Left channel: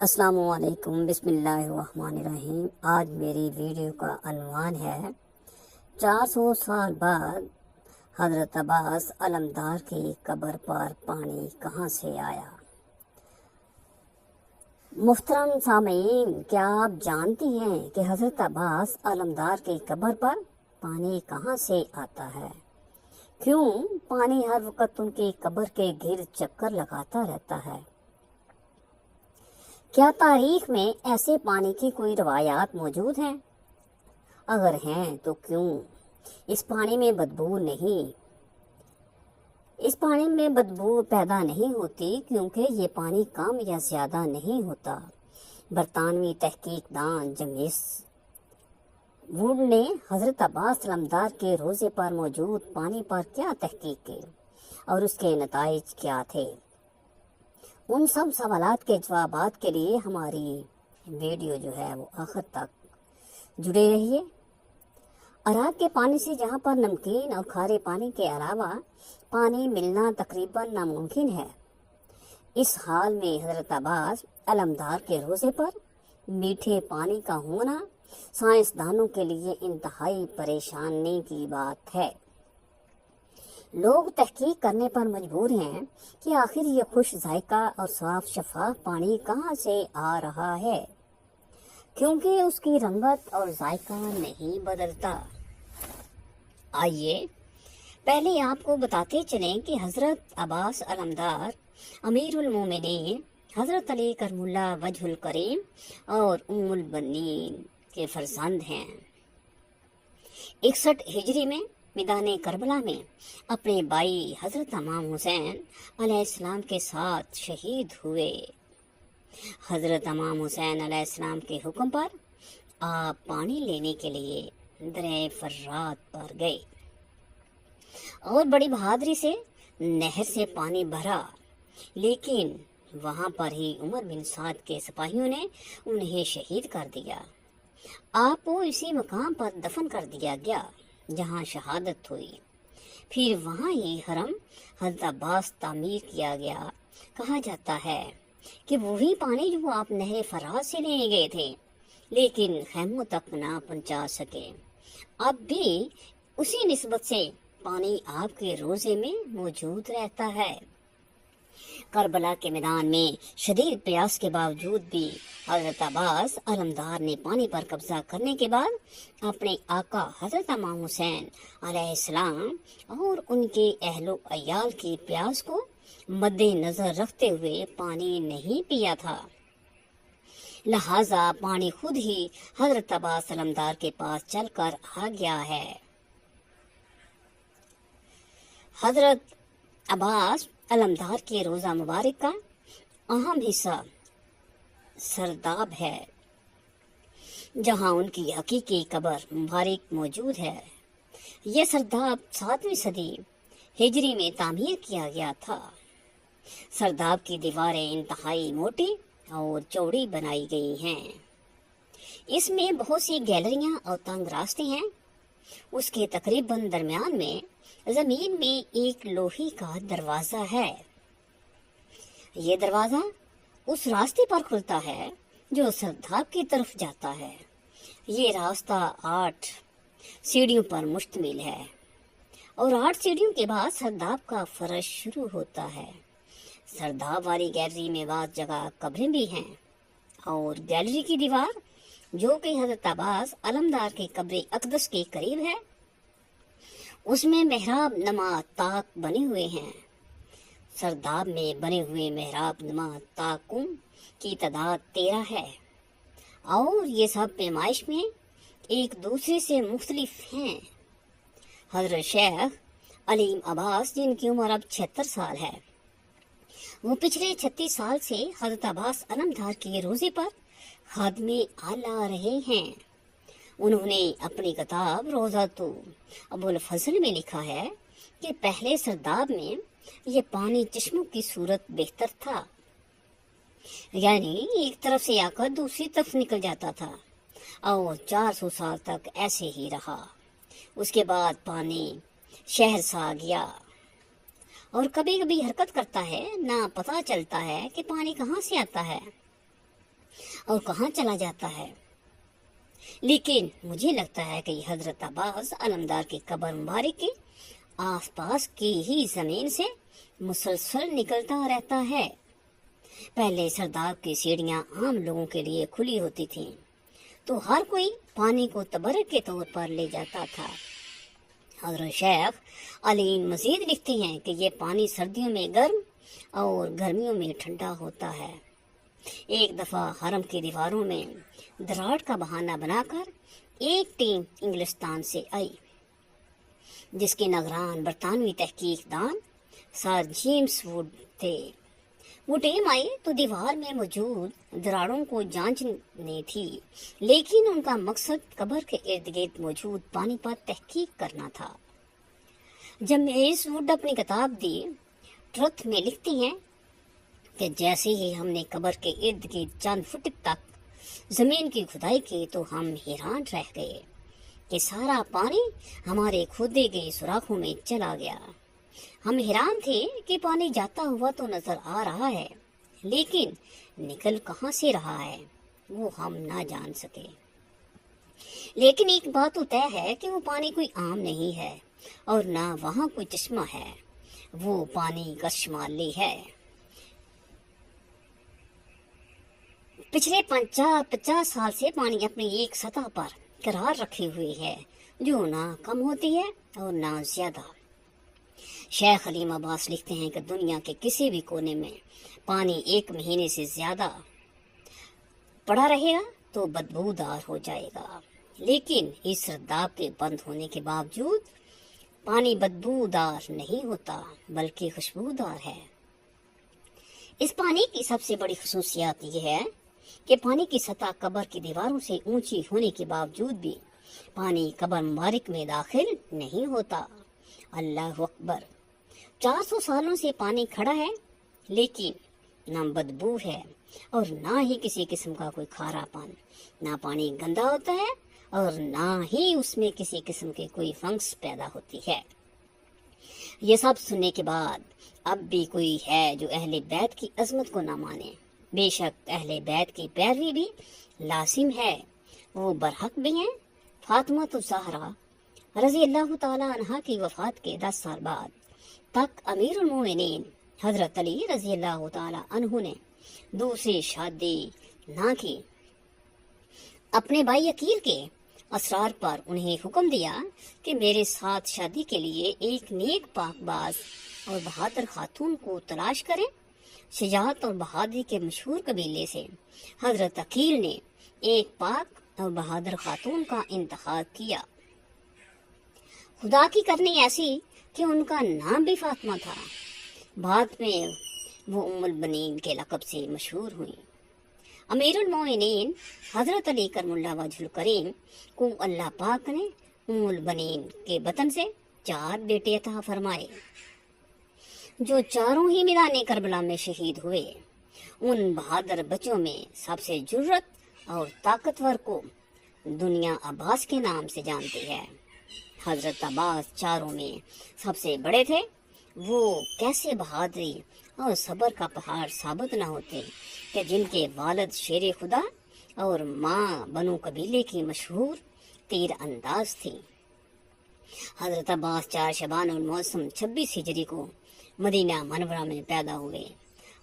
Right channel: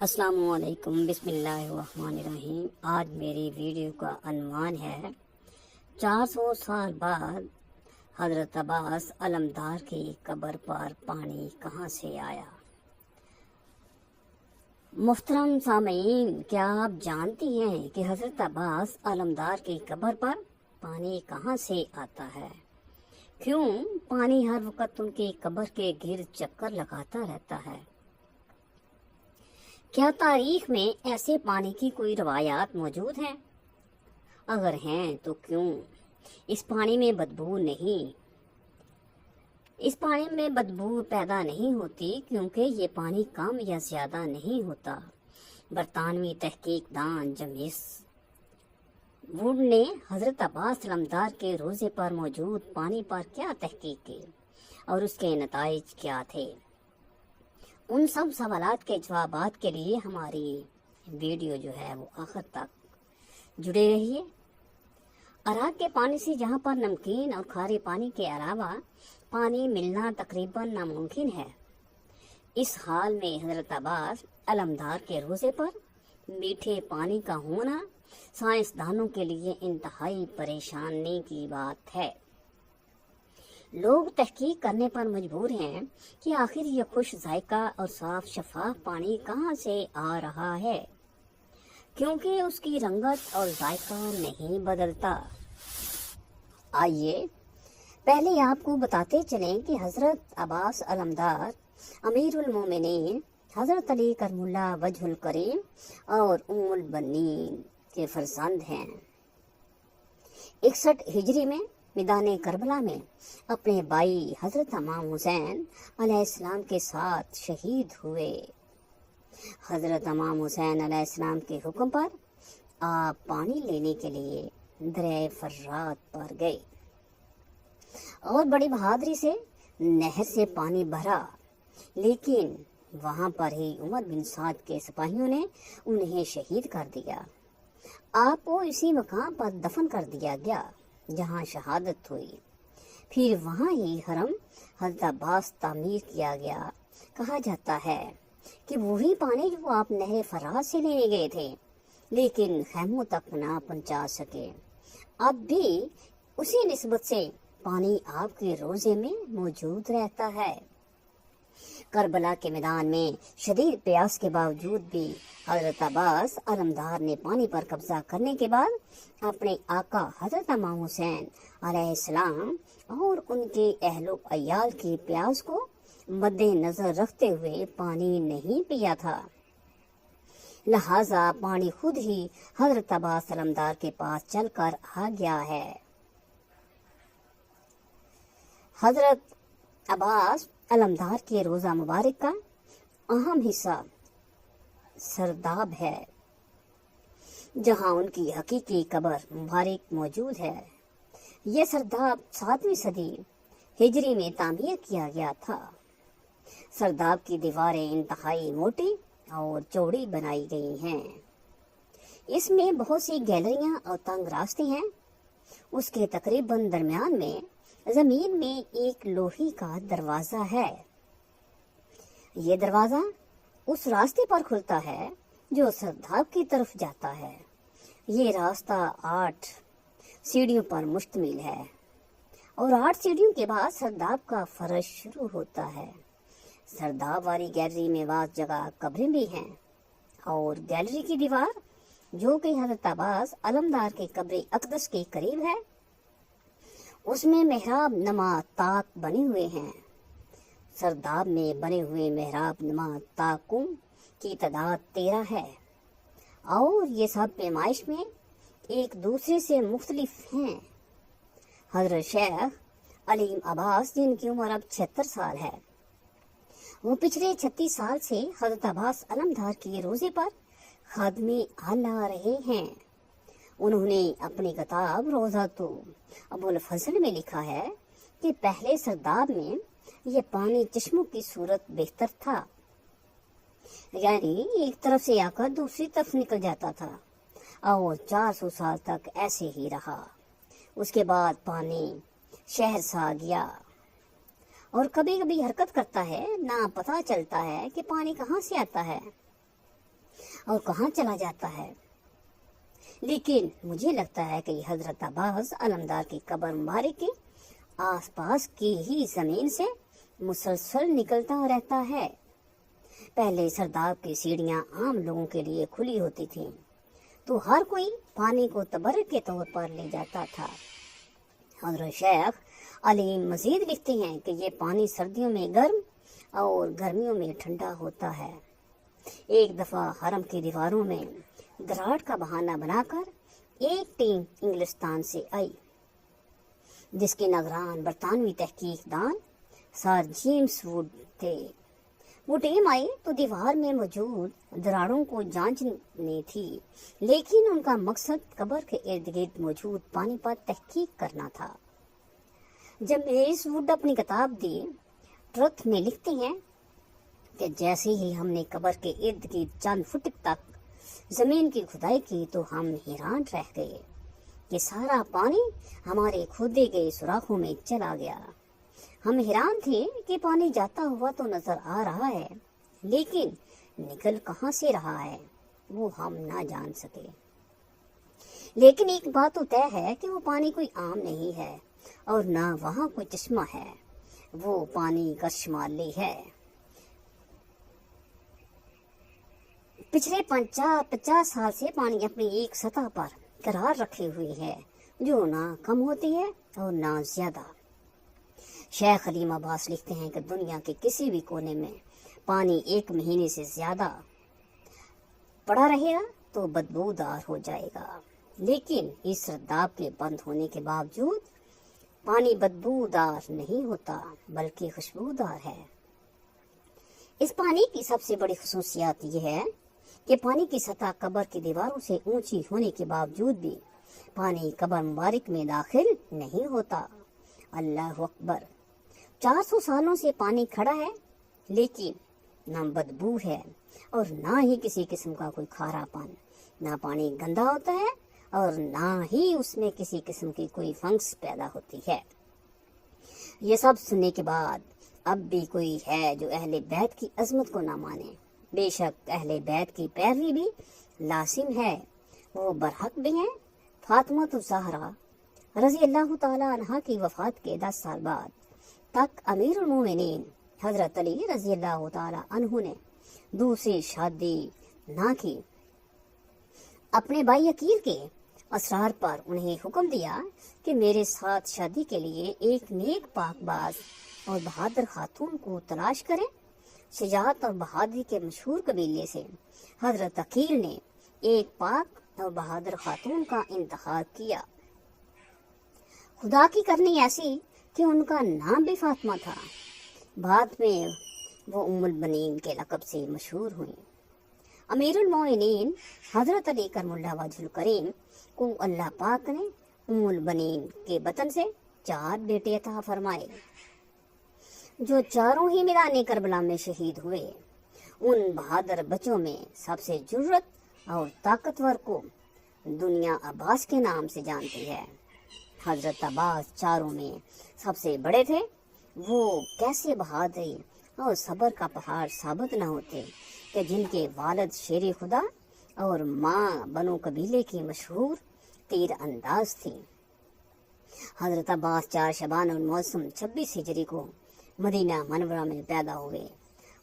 السلام علیکم، بسم اللہ الرحمن الرحیم۔ آج میری ویڈیو کا عنوان ہے 400 سال بعد حضرت عباس علمدار کی قبر پر پانی کہاں سے آیا۔ محترم سامعین، کیا آپ جانتی ہیں کہ حضرت عباس علمدار کی قبر پر پانی کہاں سے آتا ہے؟ کیوں پانی ہر وقت ان کی قبر کے گرد چکر لگاتا رہتا ہے؟ کیا تاریخ میں ایسے پانی کی کوئی روایات موجود ہیں؟ اگر ہیں تو کیوں؟ اس پانی میں بدبو پیدا نہیں ہوتی کیونکہ یہ پانی کم یا زیادہ نہیں ہوتا۔ برطانوی تحقیق دان جیمز ووڈ نے حضرت عباس علمدار کے روضے پر موجود پانی پر کیا تحقیق کی اور اس کے نتائج کیا تھے؟ ان سب سوالات کے جوابات کے لیے ہماری ویڈیو جو ہے وہ آخر تک جڑے رہیے۔ عراق کے پانی سے، جہاں پر نمکین اور کھارے پانی کے علاوہ پانی ملنا تقریباً ناممکن ہے، اس حال میں حضرت عباس علمدار کے روضے پر میٹھے پانی کا ہونا سائنسدانوں کے لیے انتہائی پریشانی کی بات ہے۔ لوگ تحقیق کرنے پر مجبور ہیں کہ آخر یہ خوش ذائقہ اور صاف شفاف پانی کہاں سے آ رہا ہے، کیونکہ اس کی رنگت اور ذائقہ نہیں بدلتا۔ آئیے پہلے آپ کو بتاتے چلیں کہ حضرت عباس علمدار امیر المومنین حضرت علی کرم اللہ وجہ الکریم اور ام البنین کے فرزند ہیں۔ 61 ہجری میں میدان کربلا میں اپنے بھائی حضرت امام حسین علیہ السلام کے ساتھ شہید ہوئے۔ حضرت امام حسین علیہ السلام کے حکم پر آپ پانی لینے کے لیے دریا فرات پر گئے اور بڑی بہادری سے نہر سے پانی بھرا، لیکن وہاں پر ہی عمر بن سعد کے سپاہیوں نے انہیں شہید کر دیا۔ آپ کو اسی مقام پر دفن کر دیا گیا جہاں شہادت ہوئی۔ پھر وہاں ہی حرم حضرت عباس تعمیر کیا گیا۔ کہا جاتا ہے کہ وہی پانی جو آپ نہر فرات سے لینے گئے تھے لیکن خیموں تک نہ پہنچا سکے، اب بھی اسی نسبت سے پانی آپ کے روضے میں موجود رہتا ہے۔ کربلا کے میدان میں شدید پیاس کے باوجود بھی حضرت عباس علمدار نے پانی پر قبضہ کرنے کے بعد اپنے آقا حضرت امام حسین علیہ السلام اور ان کے اہل و عیال کی پیاس کو مد نظر رکھتے ہوئے پانی نہیں پیا تھا، لہذا پانی خود ہی حضرت عباس علمدار کے پاس چل کر آ گیا ہے۔ حضرت عباس علمدار کے روضہ مبارک کا اہم حصہ سرداب ہے، جہاں ان کی حقیقی قبر مبارک موجود ہے۔ یہ سرداب 7ویں صدی ہجری میں تعمیر کیا گیا تھا۔ سرداب کی دیواریں انتہائی موٹی اور چوڑی بنائی گئی ہیں۔ اس میں بہت سی گیلریاں اور تنگ راستے ہیں۔ اس کے تقریباً درمیان میں زمین میں ایک لوہے کا دروازہ ہے۔ یہ دروازہ اس راستے پر کھلتا ہے جو سرداب کی طرف جاتا ہے۔ یہ راستہ 8 سیڑھیوں پر مشتمل ہے اور 8 سیڑھیوں کے بعد سرداب کا فرش شروع ہوتا ہے۔ سرداب والی گیلری میں بعض جگہ قبریں بھی ہیں اور گیلری کی دیوار جو کہ حضرت عباس علمدار کے قبر اقدس کے قریب ہے، اس میں محراب نما طاق بنے ہوئے ہیں۔ سرداب میں بنے ہوئے محراب نما طاقوں کی تعداد 13 ہے اور یہ سب پیمائش میں ایک دوسرے سے مختلف ہیں۔ حضرت شیخ علیم عباس، جن کی عمر اب 76 سال ہے، وہ پچھلے 36 سال سے حضرت عباس علمدار کے روضے پر خادم اعلیٰ رہے ہیں۔ انہوں نے اپنی کتاب روضۃ ابو الفضل میں لکھا ہے کہ پہلے سرداب میں یہ پانی چشموں کی صورت بہتر تھا، یعنی ایک طرف سے آ کر دوسری طرف نکل جاتا تھا اور 400 سال تک ایسے ہی رہا۔ اس کے بعد پانی شہر سا گیا اور کبھی کبھی حرکت کرتا ہے، نہ پتہ چلتا ہے کہ پانی کہاں سے آتا ہے۔ اور کہاں چلا جاتا ہے؟ لیکن مجھے لگتا ہے کہ یہ حضرت عباس علمدار کی قبر مبارک کی آس پاس کی ہی زمین سے مسلسل نکلتا رہتا ہے۔ پہلے سرداب کی سیڑھیاں عام لوگوں کے لیے کھلی ہوتی تھیں تو ہر کوئی پانی کو تبرک کے طور پر لے جاتا تھا۔ حضرت شیخ علیم مزید لکھتے ہیں کہ یہ پانی سردیوں میں گرم اور گرمیوں میں ٹھنڈا ہوتا ہے۔ ایک دفعہ حرم کی دیواروں میں دراڑ کا بہانہ بنا کر ایک ٹیم انگلستان سے آئی، جس کے نگران برطانوی تحقیق دان سر جیمز ووڈ تھے۔ وہ ٹیم آئی تو دیوار میں موجود دراڑوں کو جانچنی تھی، لیکن ان کا مقصد قبر کے ارد گرد موجود پانی پر تحقیق کرنا تھا۔ جیمز ووڈ اپنی کتاب دی ٹروتھ میں لکھتی ہیں کہ جیسے ہی ہم نے قبر کے ارد گرد چند فٹ تک زمین کی کھدائی کی تو ہم حیران رہ گئے کہ سارا پانی ہمارے کھودے گئے سوراخوں میں چلا گیا۔ ہم حیران تھے کہ پانی جاتا ہوا تو نظر آ رہا ہے، لیکن نکل کہاں سے رہا ہے وہ ہم نہ جان سکے۔ لیکن ایک بات تو طے ہے کہ وہ پانی کوئی عام نہیں ہے اور نہ وہاں کوئی چشمہ ہے، وہ پانی کشمالی ہے۔ پچھلے 50 سال سے پانی اپنی ایک سطح پر قرار رکھے ہوئی ہے، جو نہ کم ہوتی ہے اور نہ زیادہ۔ شیخ علیم عباس لکھتے ہیں کہ دنیا کے کسی بھی کونے میں پانی 1 مہینے سے زیادہ پڑا رہے گا تو بدبودار ہو جائے گا، لیکن اس سرداب کے بند ہونے کے باوجود پانی بدبودار نہیں ہوتا بلکہ خوشبودار ہے۔ اس پانی کی سب سے بڑی خصوصیات یہ ہے کہ پانی کی سطح قبر کی دیواروں سے اونچی ہونے کے باوجود بھی پانی قبر مبارک میں داخل نہیں ہوتا۔ اللہ اکبر! 400 سالوں سے پانی کھڑا ہے، لیکن نہ بدبو ہے اور نہ ہی کسی قسم کا کوئی کھارا پن۔ نہ پانی گندا ہوتا ہے اور نہ ہی اس میں کسی قسم کی کوئی فنگس پیدا ہوتی ہے۔ یہ سب سننے کے بعد اب بھی کوئی ہے جو اہل بیت کی عظمت کو نہ مانے۔ بے شک اہل بیت کی پیروی بھی لازم ہے، وہ برحق بھی ہیں۔ فاطمہ الزہرا رضی اللہ تعالی عنہا کی وفات کے 10 سال بعد تک امیر المومنین حضرت علی رضی اللہ تعالی عنہ نے دوسری شادی نہ کی۔ اپنے بھائی عقیل کے اسرار پر انہیں حکم دیا کہ میرے ساتھ شادی کے لیے ایک نیک پاک باز اور بہادر خاتون کو تلاش کریں۔ شجاعت اور بہادری کے مشہور قبیلے سے حضرت عقیل نے ایک پاک اور بہادر خاتون کا انتخاب کیا۔ خدا کی کرنی ایسی کہ ان کا نام بھی فاطمہ تھا۔ بعد میں وہ ام البنین کے لقب سے مشہور ہوئی۔ امیر المومنین حضرت علی کرم اللہ وجہ الکریم کو اللہ پاک نے ام البنین کے بطن سے 4 بیٹے عطا فرمائے، جو چاروں ہی میدان کربلا میں شہید ہوئے۔ ان بہادر بچوں میں سب سے جرأت اور طاقتور کو دنیا عباس کے نام سے جانتی ہے۔ حضرت عباس چاروں میں سب سے بڑے تھے۔ وہ کیسے بہادری اور صبر کا پہاڑ ثابت نہ ہوتے کہ جن کے والد شیر خدا اور ماں بنو قبیلے کی مشہور تیر انداز تھی۔ حضرت عباس 4 شعبان الموسم 26 ہجری کو مدینہ منورہ میں پیدا ہوئے۔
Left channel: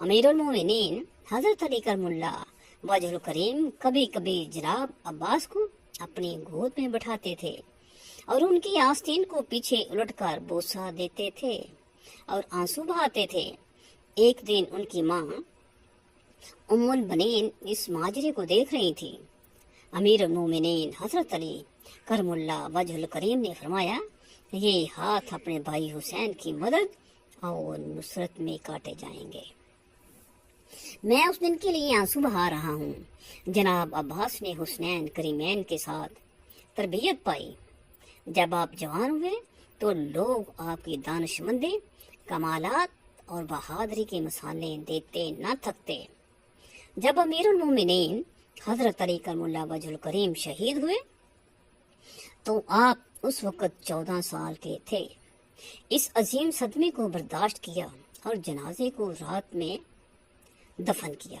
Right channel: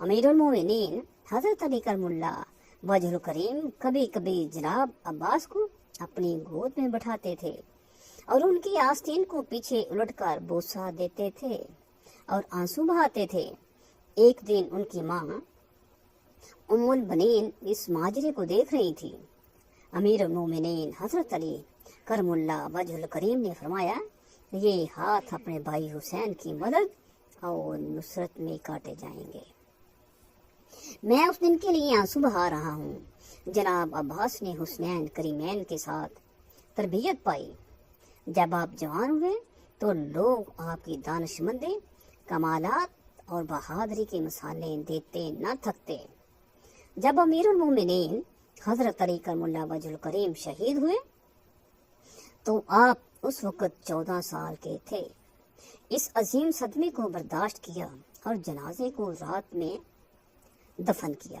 امیر المومنین حضرت علی کرم اللہ وجہ الکریم کبھی کبھی جناب عباس کو اپنی گود میں بٹھاتے تھے اور ان کی آستین کو پیچھے الٹ کر بوسہ دیتے تھے اور آنسو بہاتے تھے۔ ایک دن ان کی ماں ام البنین اس ماجرے کو دیکھ رہی تھی۔ امیر المومنین حضرت علی کرم اللہ وجہ الکریم نے فرمایا، یہ ہاتھ اپنے بھائی حسین کی مدد اور نصرت میں کاٹے جائیں گے۔ میں اس دن کے لیے آنسو بہا رہا ہوں۔ جناب عباس نے حسنین کریمین کے ساتھ تربیت پائی۔ جب آپ جوان ہوئے تو لوگ آپ کی دانش مندی، کمالات اور بہادری کی مثالیں دیتے نہ تھکتے۔ جب امیر المومنین حضرت علی کرم اللہ وجہ الکریم شہید ہوئے تو آپ اس وقت 14 سال کے تھے۔ اس عظیم صدمے کو برداشت کیا اور جنازے کو رات میں دفن کیا۔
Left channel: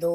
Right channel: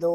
2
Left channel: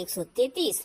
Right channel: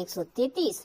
133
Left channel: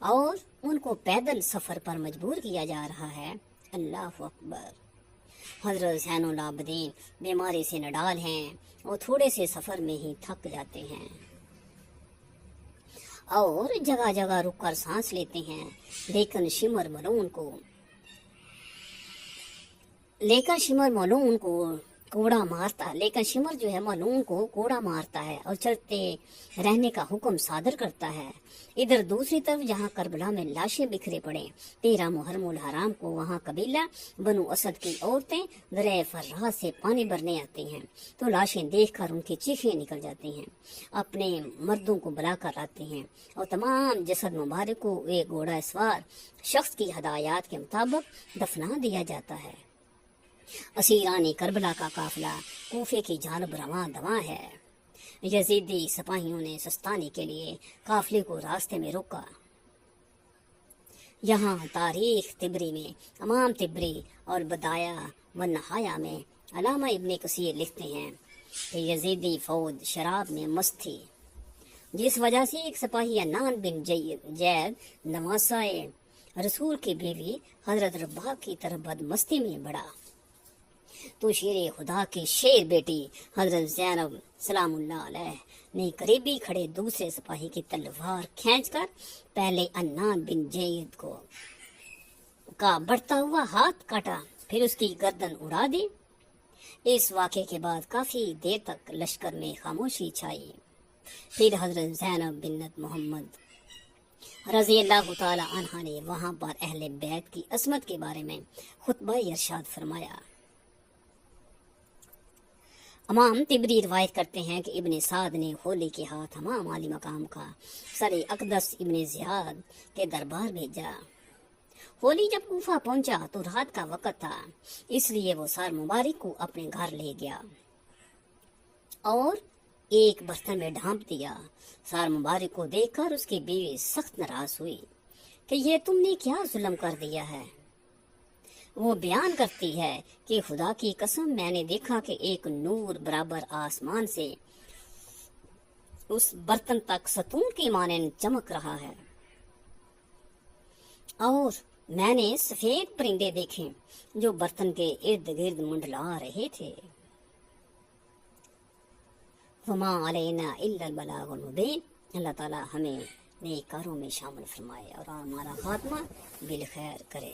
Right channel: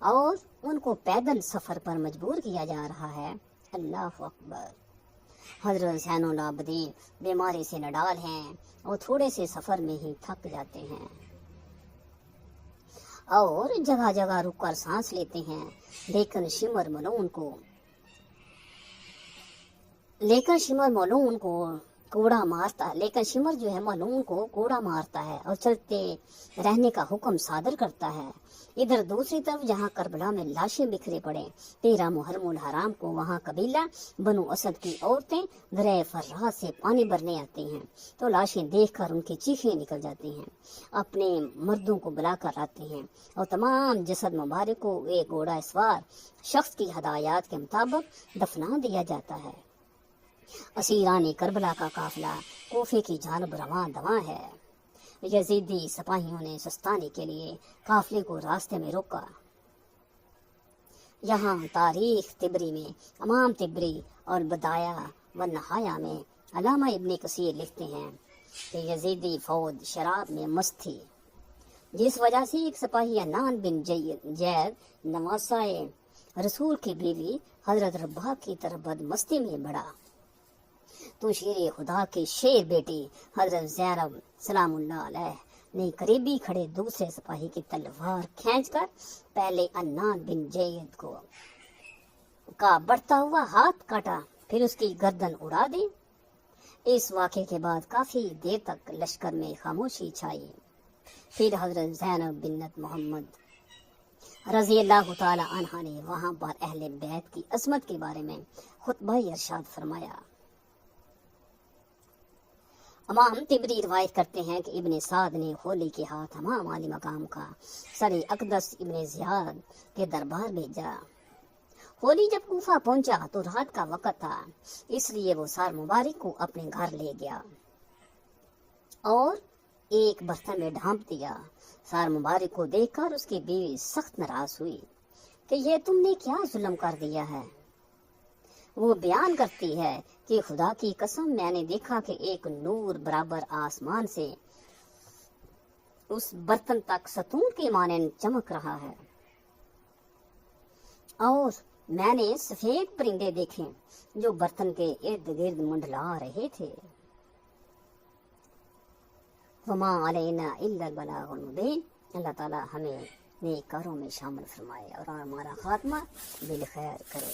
اور ان کو پیدل سفر پر مجبور کیا جا رہا ہے۔ اللہ اکبر۔ حضرت زین العابدین بیماری سے نڈال ہیں اور تھوڑے سے سفر میں ہی تھک جاتے ہیں اور جگہ جگہ رک کر سانس لیتے ہیں، لیکن شمر ملعون کو کوڑا مارتا، لیکن شمر جو ہے ملعون کو کوڑا مارتا ہے اور چلتے رہنے کا حکم صادر کرتا ہے۔ ادھر دوسری طرف جہاں کربلا میں لاشیں بکھرے پڑے، 13 محرم الحرام کو وہاں قبیلہ بنو اسد کی عورتیں دریا فرات سے پانی بھرنے آتی ہیں تو لاشیں دیکھ کر ان کی چیخیں نکل جاتی ہیں، اپنے مردوں کو بلا کر لاتے ہیں اور تمام جسد مبارک کو ایک گھوڑا سوار شخص کی ہدایات کے مطابق دفنا دیا جاتا ہے۔ اسیران کربلا کا قافلہ کوفے کی جانب رواں دواں ہے۔ یزیدی سپاہیوں نے سستانی کے لیے قافلے کو راستے میں روکا۔ یہاں تاریخ طبری میں امام طبری اور بدایہ و نہایہ میں علامہ ابن کثیر لکھتے ہیں کہ یزیدی فوج شراب میں مست تھی، جس وجہ سے ایک سپاہی عنان بن زید نواسائے رسول کی بیوی حضرت رباح کی طرف بدمستی میں بڑھا تو شیر خدا کی شیر بیٹی حضرت زینب سلام اللہ علیہ نے قریبی کھڑے دوسرے سپاہی کی تلوار کھینچ کر پہلے عنان بن زید کا بڑھتا ہوا ہاتھ کاٹا، پھر اس کی گردن اڑا دی۔ اس واقعے کے بعد کافی دیر تک لشکر میں خاموشی چھائی۔ پھر حضرت زینب بنت محمد رضی اللہ تعالی عنہا نے وہاں پر اہل بیت کی عظمت کے بارے میں خطبہ ارشاد فرمایا۔ امام طبری روایت کرتے ہیں کہ ابن سعد نے ہولی کے ہاتھ امام علی مقام کا سر اقدس ابن زیاد کے دربار بھیجا۔ ہولی جب کوفہ پہنچا تو رات کا وقت تھا، اس لیے وہ سار مبارک کو اپنے گھر لے گیا اور ایک برتن میں ڈھانپ دیا۔ سار مبارک کو دیکھ کر اس کی بیوی سخت ناراض ہوئی کہ یہ تم نے کیا ظلم کر دیا ہے۔ وہ بیان کرتی ہے کہ خدا کی قسم میں نے دیکھا کہ ایک نور برابر آسمان سے اس برتن تک ستون کی مانند چمک رہا ہے، اور میں نے سفید پرندے دیکھے جو برتن کے ارد گرد منڈلا رہے تھے۔ وما علینا الا البلاغ المبین۔ اللہ تعالی ہمیں نیک کاروں میں شامل فرمائے اور ہمارا خاتمہ بالخیر کرے۔